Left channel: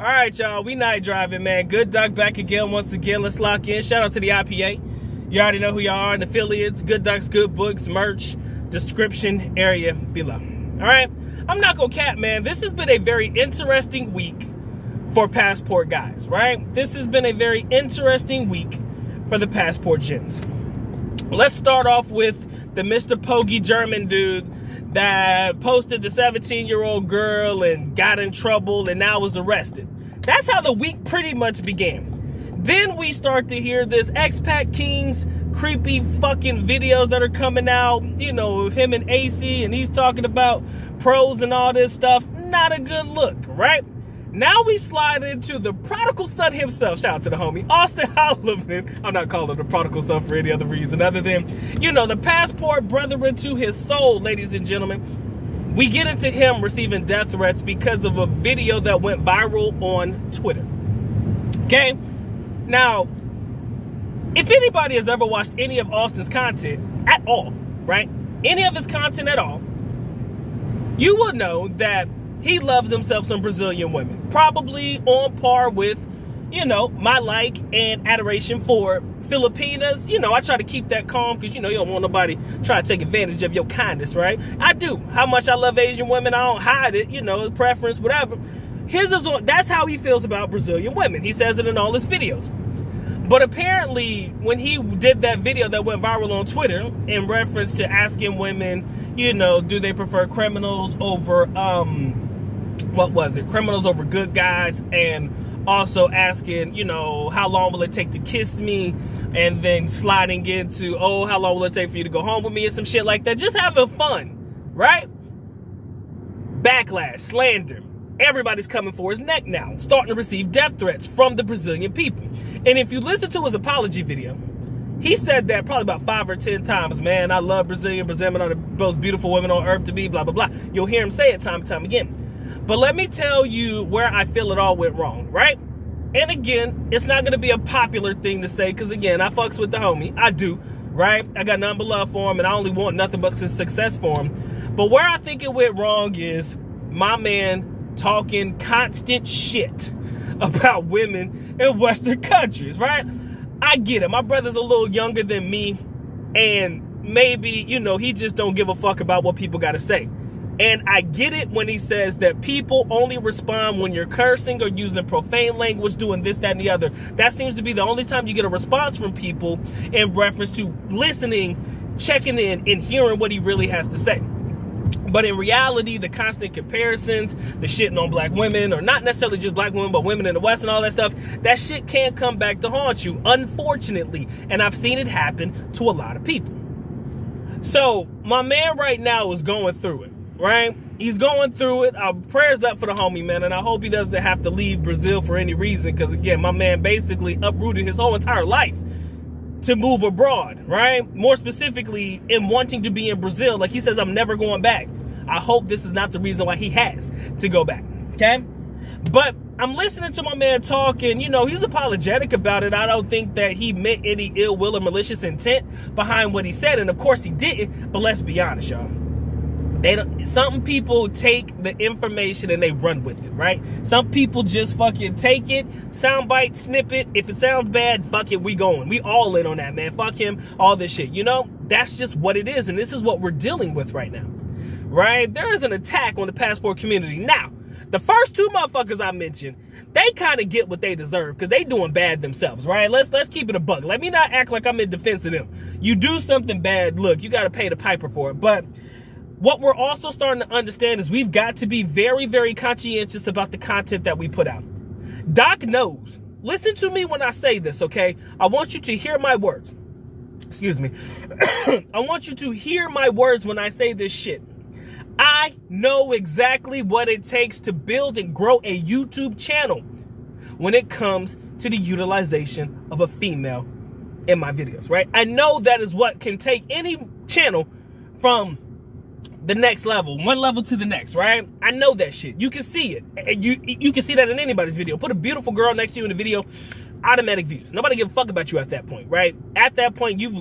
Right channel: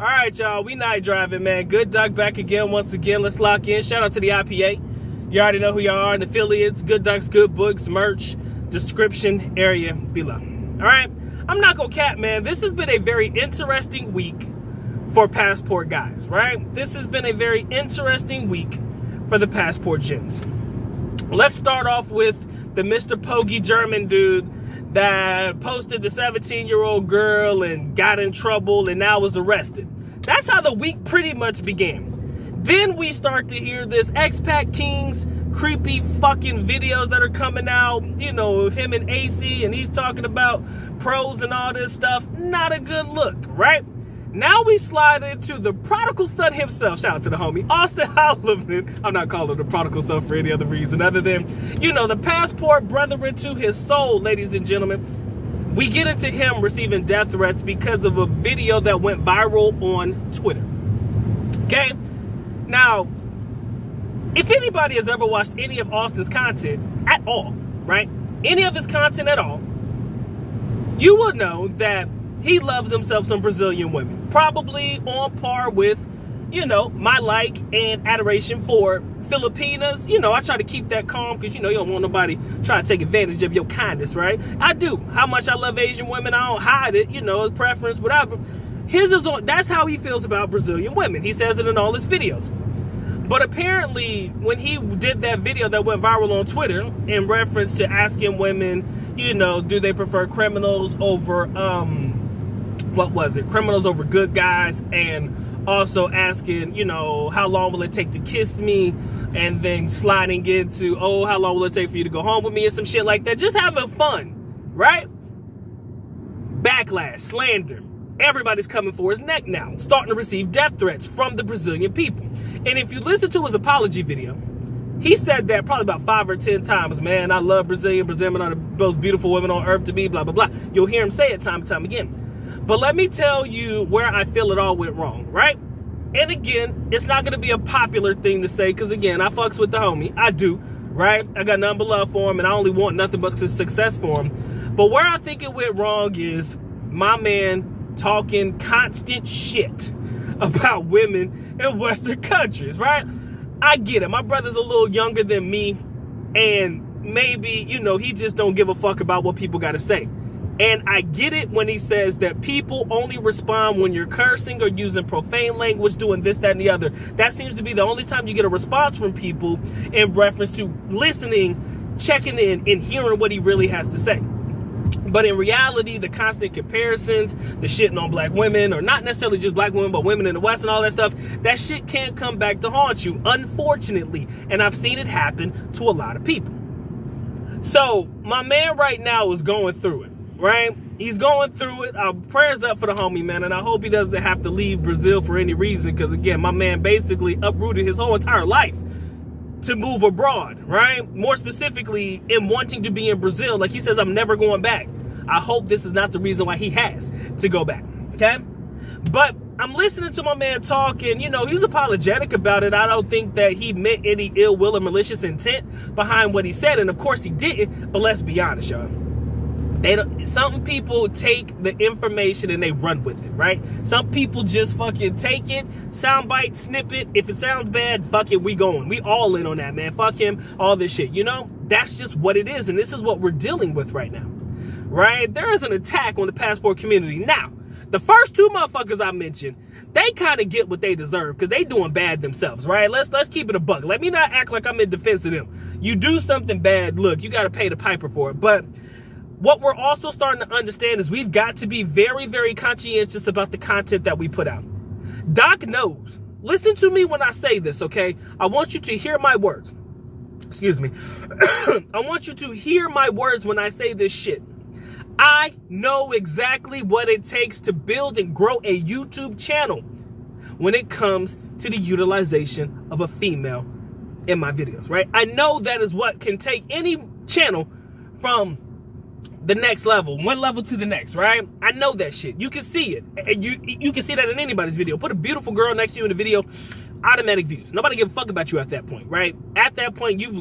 All right, y'all. We night driving, man. Good Duck back again. Once again, let's lock in. Shout out to the IPA. You already know who y'all are and affiliates. Good Ducks, good books, merch, description area below. All right. I'm not gonna cap, man. This has been a very interesting week for passport guys, right? This has been a very interesting week for the passport gents. Let's start off with the Mr. Pogie German dude that posted the 17-year-old girl and got in trouble and now was arrested. That's how the week pretty much began. Then we start to hear this expat king's creepy fucking videos that are coming out, you know, him and AC, and he's talking about pros and all this stuff. Not a good look, right? Now we slide into the prodigal son himself. Shout out to the homie, Austin Holloman. I'm not calling him the prodigal son for any other reason other than, you know, the passport brethren to his soul, ladies and gentlemen. We get into him receiving death threats because of a video that went viral on Twitter. Okay? Now, if anybody has ever watched any of Austin's content at all, right? Any of his content at all, you will know that he loves himself some Brazilian women. Probably on par with, you know, my like and adoration for Filipinas. You know, I try to keep that calm because, you know, you don't want nobody trying to take advantage of your kindness, right? I do. How much I love Asian women, I don't hide it, you know, preference, whatever. His is on, that's how he feels about Brazilian women. He says it in all his videos. But apparently, when he did that video that went viral on Twitter in reference to asking women, you know, do they prefer criminals over, what was it? Criminals over good guys, and also asking, you know, how long will it take to kiss me? And then sliding into, oh, how long will it take for you to go home with me, and some shit like that. Just having fun, right? Backlash, slander. Everybody's coming for his neck now, starting to receive death threats from the Brazilian people. And if you listen to his apology video, he said that probably about 5 or 10 times. Man, I love Brazilian are the most beautiful women on earth to me, blah, blah, blah. You'll hear him say it time and time again. But let me tell you where I feel it all went wrong, right? And again, it's not going to be a popular thing to say because, again, I fucks with the homie. I do, right? I got nothing but love for him, and I only want nothing but success for him. But where I think it went wrong is my man talking constant shit about women in Western countries, right? I get it. My brother's a little younger than me, and maybe, you know, he just don't give a fuck about what people got to say. And I get it when he says that people only respond when you're cursing or using profane language, doing this, that, and the other. That seems to be the only time you get a response from people in reference to listening, checking in, and hearing what he really has to say. But in reality, the constant comparisons, the shitting on black women, or not necessarily just black women, but women in the West and all that stuff, that shit can't come back to haunt you, unfortunately. And I've seen it happen to a lot of people. So my man right now is going through it, right? He's going through it. Our prayers up for the homie, man. And I hope he doesn't have to leave Brazil for any reason. Because, again, my man basically uprooted his whole entire life to move abroad, right? More specifically, in wanting to be in Brazil. Like he says, I'm never going back. I hope this is not the reason why he has to go back, okay? But I'm listening to my man talk, and, you know, he's apologetic about it. I don't think that he meant any ill will or malicious intent behind what he said, and of course he didn't, but let's be honest, y'all. Some people take the information and they run with it, right? Some people just fucking take it, soundbite, snip it. If it sounds bad, fuck it, we going. We all in on that, man. Fuck him, all this shit. You know, that's just what it is, and this is what we're dealing with right now, right? There is an attack on the passport community. Now, the first two motherfuckers I mentioned, they kind of get what they deserve because they doing bad themselves, right? Let's keep it a buck. Let me not act like I'm in defense of them. You do something bad, look, you got to pay the piper for it. But what we're also starting to understand is we've got to be very, very conscientious about the content that we put out. Doc knows. Listen to me when I say this, okay? I want you to hear my words. Excuse me. I want you to hear my words when I say this shit. I know exactly what it takes to build and grow a YouTube channel when it comes to the utilization of a female in my videos, right? I know that is what can take any channel from the next level, one level to the next, right? I know that shit. You can see it. You can see that in anybody's video. Put a beautiful girl next to you in the video, automatic views. Nobody give a fuck about you at that point, right? At that point, you've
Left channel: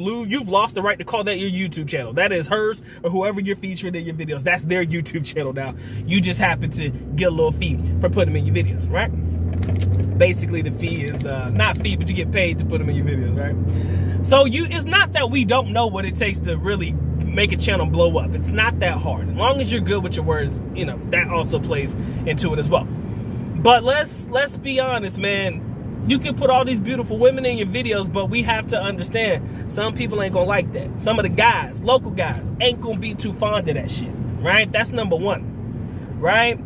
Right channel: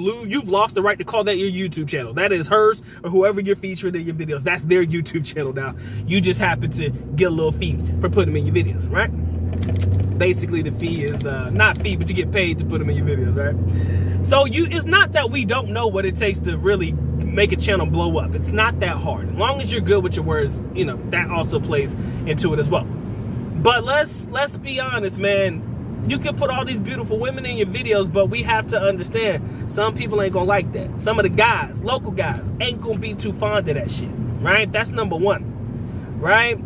lost the right to call that your YouTube channel. That is hers or whoever you're featuring in your videos. That's their YouTube channel now. You just happen to get a little fee for putting them in your videos, right? Basically, the fee is not fee, but you get paid to put them in your videos, right? So it's not that we don't know what it takes to really make a channel blow up. It's not that hard. As long as you're good with your words, you know, that also plays into it as well. But let's be honest, man. You can put all these beautiful women in your videos, but we have to understand some people ain't gonna like that. Some of the guys, local guys, ain't gonna be too fond of that shit, right? That's number one, right?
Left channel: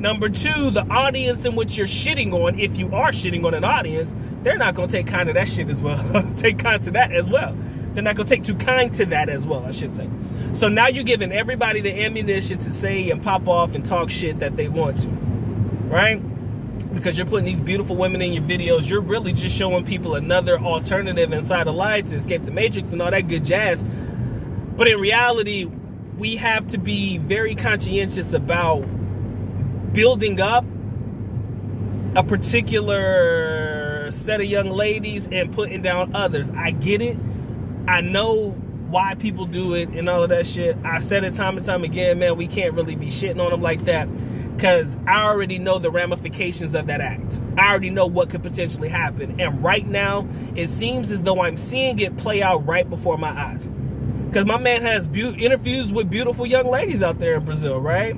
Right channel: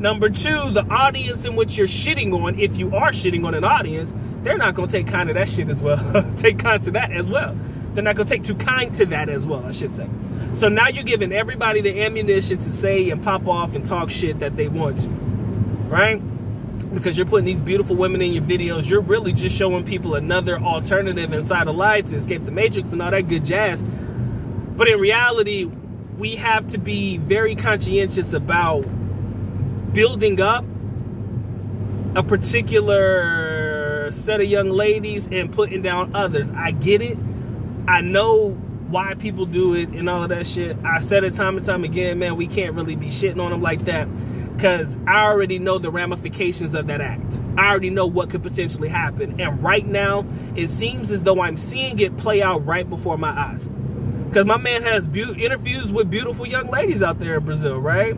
Number two, the audience in which you're shitting on, if you are shitting on an audience, they're not gonna take kind to that shit as well. Take kind to that as well. They're not gonna take too kind to that as well, I should say. So now you're giving everybody the ammunition to say and pop off and talk shit that they want to, right? Because you're putting these beautiful women in your videos, you're really just showing people another alternative inside of life to escape the matrix and all that good jazz. But in reality, we have to be very conscientious about building up a particular set of young ladies and putting down others. I get it. I know why people do it and all of that shit. I said it time and time again, man, we can't really be shitting on them like that, because I already know the ramifications of that act. I already know what could potentially happen. And right now, it seems as though I'm seeing it play out right before my eyes. Because my man has interviews with beautiful young ladies out there in Brazil, right?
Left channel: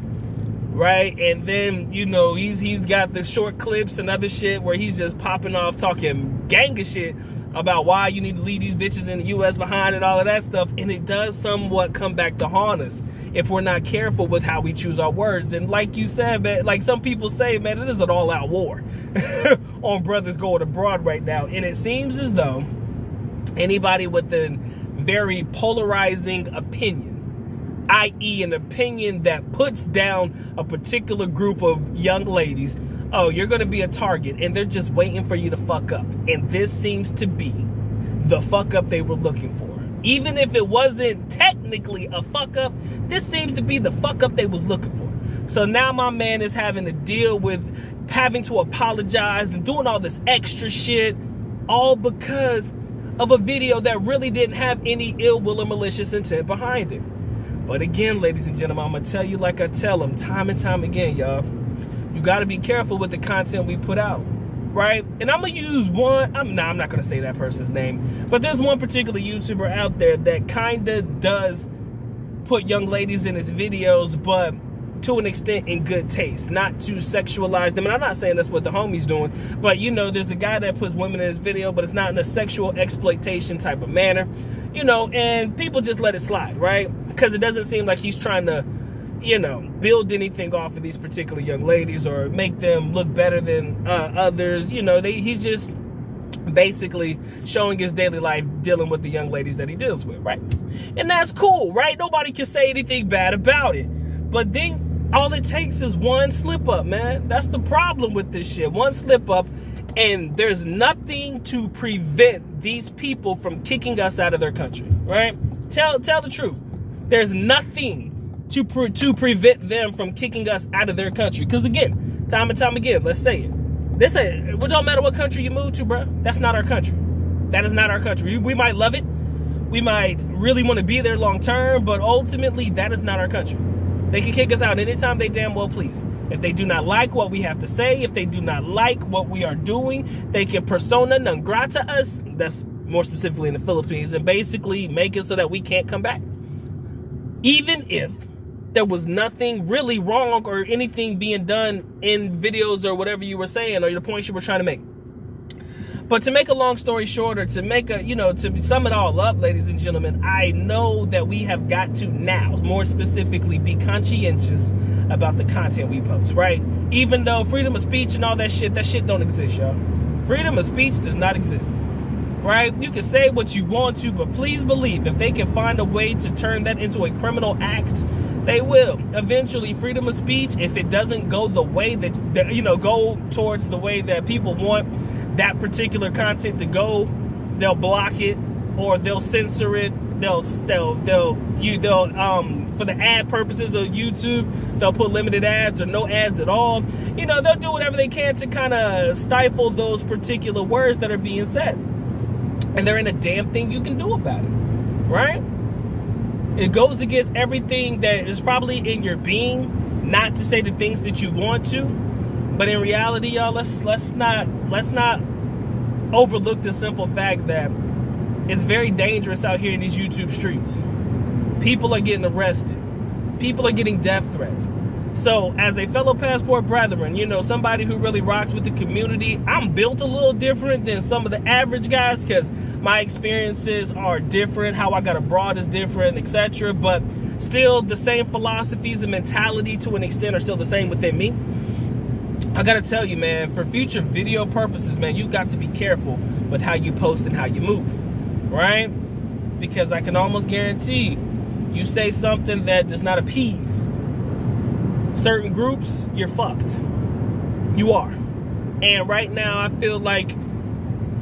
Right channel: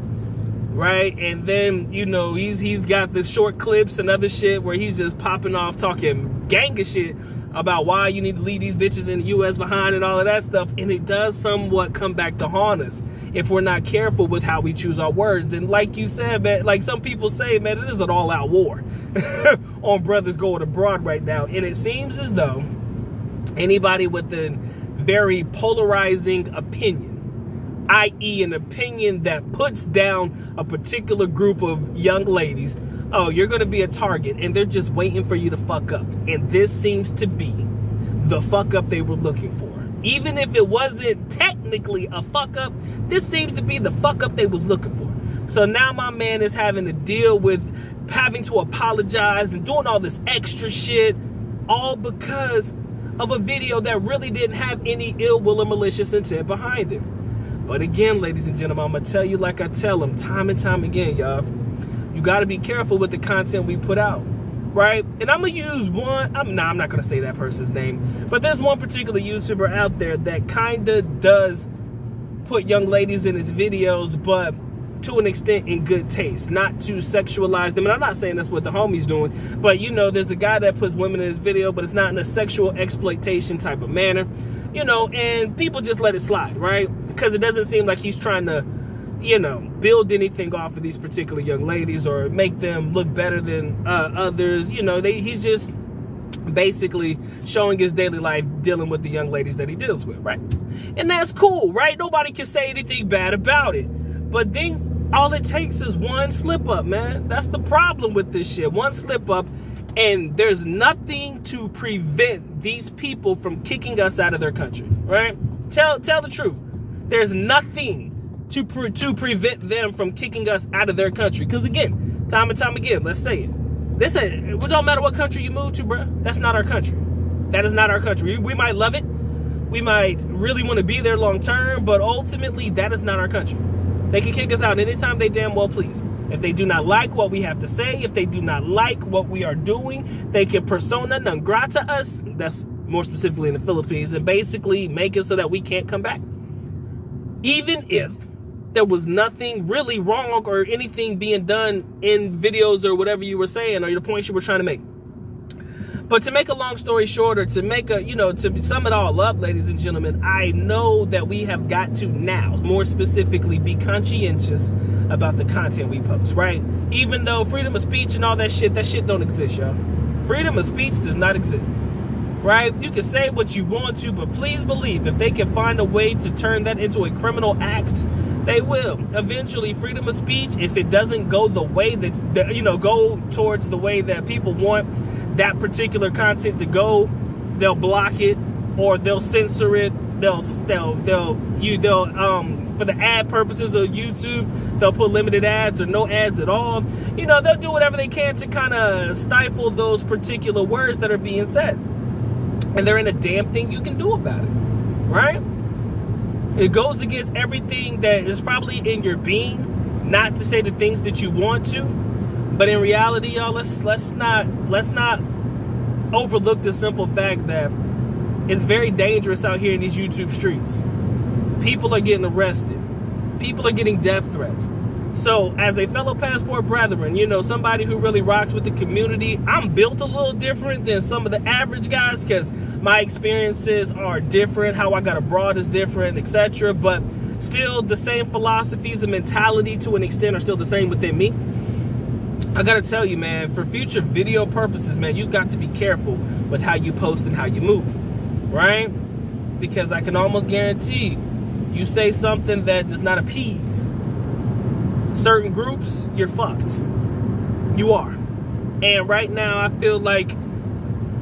Right? And then, you know, he's got the short clips and other shit where he's just popping off talking gang of shit about why you need to leave these bitches in the U.S. behind and all of that stuff. And it does somewhat come back to haunt us if we're not careful with how we choose our words. And like you said, man, like some people say, man, it is an all-out war on brothers going abroad right now. And it seems as though anybody with a very polarizing opinion, i.e. an opinion that puts down a particular group of young ladies, oh, you're going to be a target, and they're just waiting for you to fuck up. And this seems to be the fuck up they were looking for. Even if it wasn't technically a fuck up, this seems to be the fuck up they was looking for. So now my man is having to deal with having to apologize and doing all this extra shit, all because of a video that really didn't have any ill will or malicious intent behind it. But again, ladies and gentlemen, I'm going to tell you like I tell them time and time again, y'all. You got to be careful with the content we put out, right? And I'm going to use one, I'm not going to say that person's name, but there's one particular YouTuber out there that kind of does put young ladies in his videos, but to an extent in good taste, not to sexualize them. And I'm not saying that's what the homie's doing, but you know, there's a guy that puts women in his video, but it's not in a sexual exploitation type of manner, you know, and people just let it slide, right? Because it doesn't seem like he's trying to, you know, build anything off of these particular young ladies or make them look better than others. You know, he's just basically showing his daily life dealing with the young ladies that he deals with, right? And that's cool, right? Nobody can say anything bad about it. But then all it takes is one slip up, man. That's the problem with this shit. One slip up, and there's nothing to prevent these people from kicking us out of their country, right? Tell the truth. There's nothing to prevent them from kicking us out of their country. Because again, time and time again, let's say it. It don't matter what country you move to, bro. That's not our country. That is not our country. We might love it. We might really want to be there long term, but ultimately, that is not our country. They can kick us out anytime they damn well please. If they do not like what we have to say, if they do not like what we are doing, they can persona non grata us, that's more specifically in the Philippines, and basically make it so that we can't come back. Even if there was nothing really wrong or anything being done in videos or whatever you were saying or the points you were trying to make. But to make a long story short, or to make a, you know, to sum it all up, ladies and gentlemen, I know that we have got to now, more specifically, be conscientious about the content we post, right? Even though freedom of speech and all that shit don't exist, y'all. Freedom of speech does not exist, right? You can say what you want to, but please believe if they can find a way to turn that into a criminal act, they will. Eventually, freedom of speech, if it doesn't go the way that you know, go towards the way that people want that particular content to go, they'll block it or they'll censor it. They'll for the ad purposes of YouTube, they'll put limited ads or no ads at all. You know, they'll do whatever they can to kind of stifle those particular words that are being said. And there ain't a damn thing you can do about it, right? It goes against everything that is probably in your being not to say the things that you want to. But in reality, y'all, let's not overlook the simple fact that it's very dangerous out here in these YouTube streets. People are getting arrested. People are getting death threats. So as a fellow passport brethren, you know, somebody who really rocks with the community, I'm built a little different than some of the average guys because my experiences are different. How I got abroad is different, etc. But still the same philosophies and mentality to an extent are still the same within me. I gotta tell you, man, for future video purposes, man, you've got to be careful with how you post and how you move, right? Because I can almost guarantee you say something that does not appease certain groups, you're fucked. You are. And right now, I feel like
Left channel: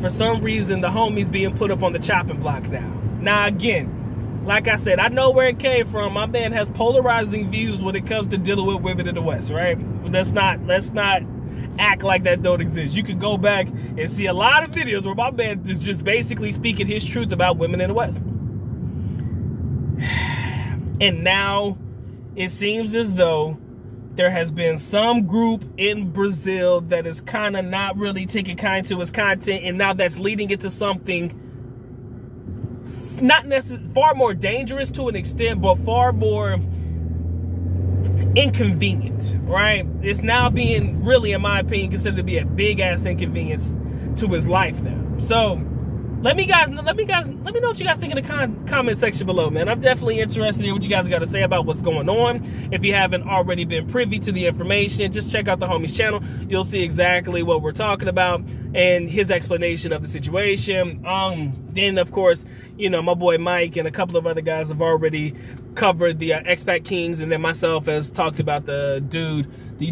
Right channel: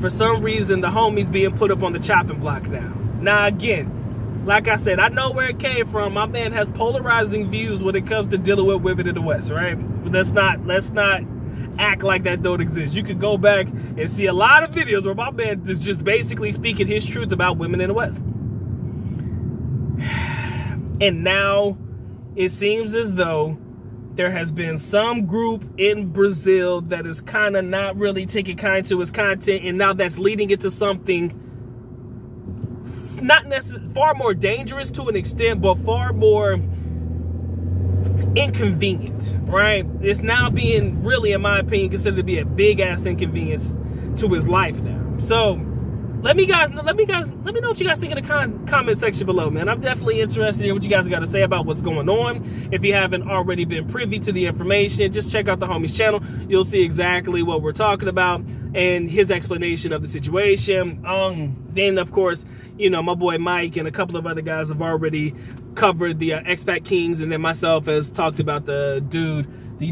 for some reason, the homie's being put up on the chopping block now. Now, again, like I said, I know where it came from. My man has polarizing views when it comes to dealing with women in the West, right? Let's not act like that don't exist. You can go back and see a lot of videos where my man is just basically speaking his truth about women in the West. And now it seems as though there has been some group in Brazil that is kind of not really taking kind to his content, and now that's leading it to something not necessarily far more dangerous to an extent, but far more inconvenient, right? It's now being really, in my opinion, considered to be a big ass inconvenience to his life now. So let me know what you guys think in the comment section below, man. I'm definitely interested in hearing what you guys got to say about what's going on. If you haven't already been privy to the information, just check out the homie's channel. You'll see exactly what we're talking about and his explanation of the situation. Then, of course, you know, my boy Mike and a couple of other guys have already covered the Expat Kings, and then myself has talked about the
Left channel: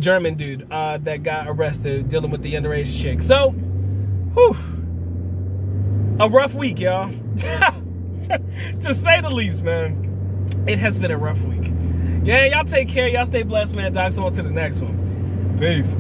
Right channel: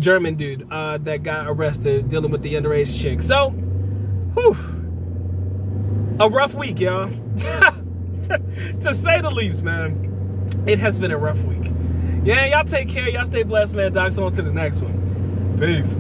German dude that got arrested dealing with the underage chick. So, whew. A rough week, y'all. To say the least, man. It has been a rough week. Yeah, y'all take care. Y'all stay blessed, man. Docs on to the next one. Peace.